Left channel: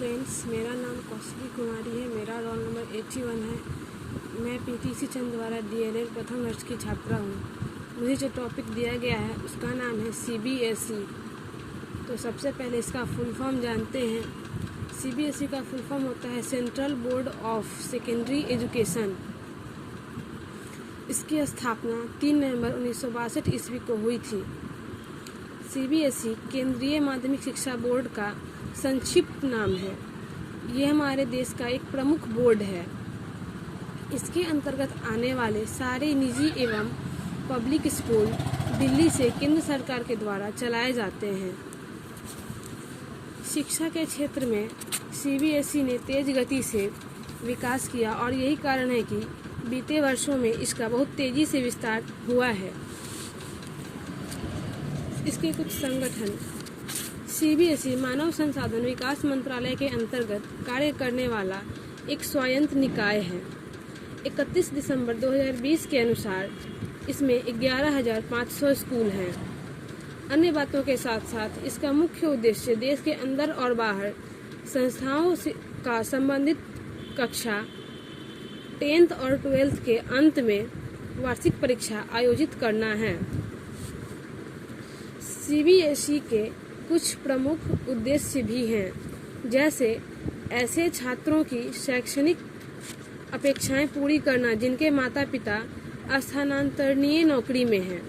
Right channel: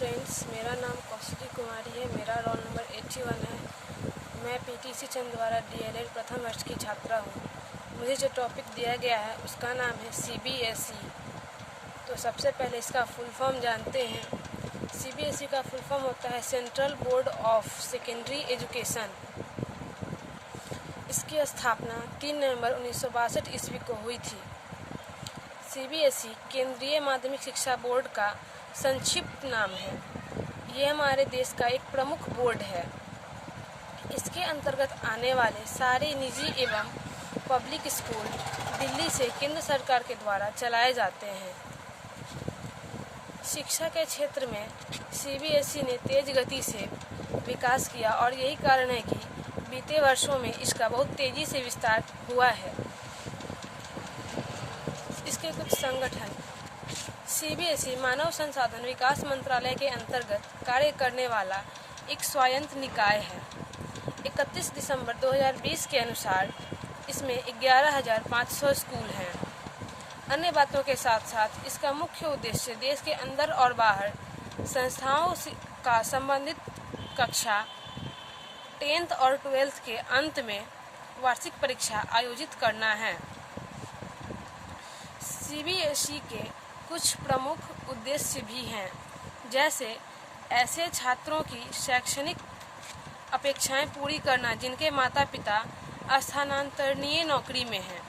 Friends, मेरा नाम कौशिकी कुमारी है। मेरा रोल नंबर 81 है। मैं पीटीसी चंदवाड़ा डीएलएड प्रथम वर्ष की छात्रा हूँ। मुझे जो टॉपिक दिया गया है उसका नाम है सीबीएसई। तो सबसे पहले इसका फुल फॉर्म जानते हैं। सीबीएसई का फुल फॉर्म होता है central board of secondary education. इसकी स्थापना 3 नवंबर 1962 ईस्वी को हुई थी। सीबीएसई केंद्रीय माध्यमिक शिक्षा बोर्ड का संक्षिप्त नाम है। यह हमारे देश का एक प्रमुख बोर्ड है। इसके अंतर्गत आने वाले सारे निजी एवं पब्लिक स्कूल दिल्ली से केंद्र सरकार के द्वारा चलाए जाते हैं। शिक्षा के क्षेत्र में सीबीएसई ने तेज गति से विकास किया और यही कारण है कि बीते वर्षों में इसका बहुत तेजी से विस्तार हुआ है। इसके कुछ संगठन। सीबीएसई मानव संसाधन विकास मंत्रालय के अंतर्गत कार्य करने वाला एक स्वायत्त निकाय है। 31 दिसंबर 2020 के अनुसार इसमें 11,500 स्कूल हैं। अन्य बातों के साथ साथ इसका मुख्य उद्देश्य देश के अंदर और बाहर संस्थाओं का संबंधित कक्षा 10th और 12th के अंत में वार्षिक परीक्षा आयोजित करना है। सीबीएसई के कुछ प्रमुख उद्देश्य भी हैं, जैसे ऐसे छात्रों की शैक्षणिक अपेक्षाएं पूरी करना जिनके माता पिता स्थानांतरणीय नौकरी में हैं।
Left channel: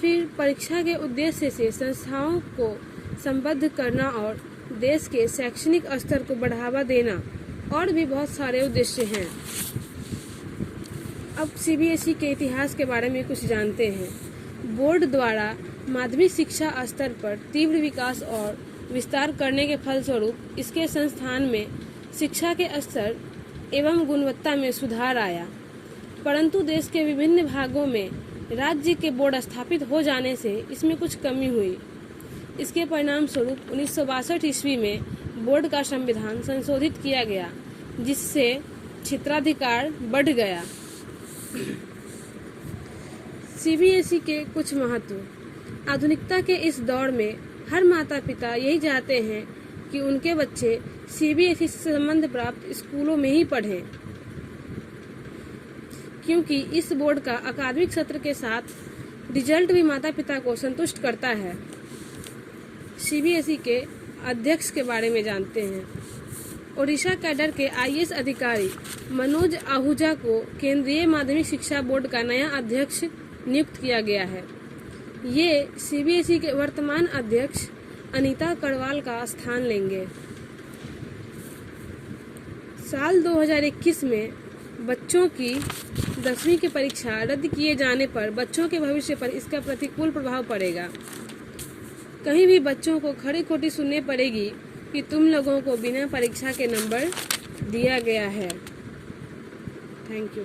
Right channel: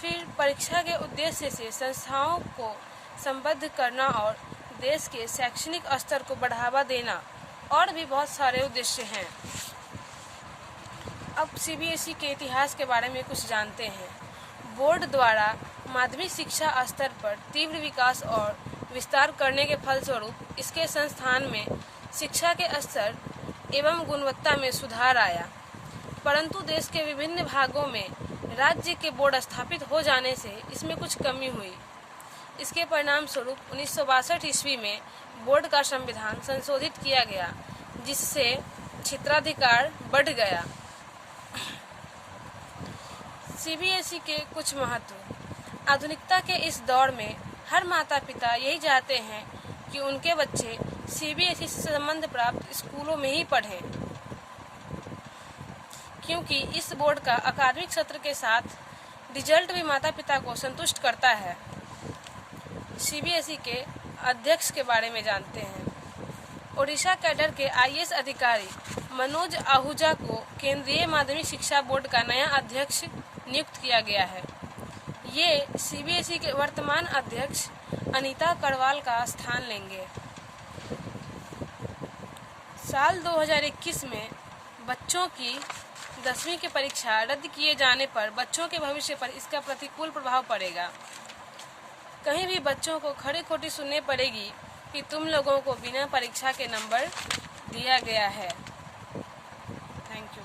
फिर परीक्षा के उद्देश्य से संस्थाओं को संबद्ध करना और देश के शैक्षणिक स्तर को बढ़ावा देना और भी बहुत सारे उद्देश्य हैं। अब सीबीएसई के इतिहास के बारे में कुछ जानते हैं। बोर्ड द्वारा माध्यमिक शिक्षा स्तर पर तीव्र विकास और विस्तार करने के फलस्वरूप इसके संस्थान में शिक्षा के स्तर एवं गुणवत्ता में सुधार आया, परंतु देश के विभिन्न भागों में राज्य के बोर्ड स्थापित हो जाने से इसमें कुछ कमी हुई। इसके परिणाम स्वरूप 1962 ईस्वी में बोर्ड का संविधान संशोधित किया गया, जिससे क्षेत्राधिकार बढ़ गया। सीबीएसई के कुछ महत्व। आधुनिकता के इस दौर में हर माता पिता यही चाहते हैं कि उनके बच्चे सीबीएसई से संबंध प्राप्त स्कूलों में ही पढ़ें, क्योंकि इस बोर्ड का अकादमिक सत्र के साथ रिजल्ट भी माता पिता को संतुष्ट करता है। सीबीएसई के अध्यक्ष के बारे में जानते हैं। ओडिशा कैडर के आईएएस अधिकारी मनोज आहूजा को केंद्रीय माध्यमिक शिक्षा बोर्ड का नया अध्यक्ष नियुक्त किया गया है। ये सीबीएसई के वर्तमान अध्यक्ष अनीता करवाल का स्थान लेंगे। साल 2021 में बच्चों की 10वीं की परीक्षा रद्द किए जाने पर बच्चों के भविष्य पर इसका प्रतिकूल प्रभाव पड़ेगा। कहीं भी बच्चों को खड़ी खोटी सुननी पड़ेगी कि तुम लोगों को बिना परीक्षा के नंबर दिया गया है। Thank you.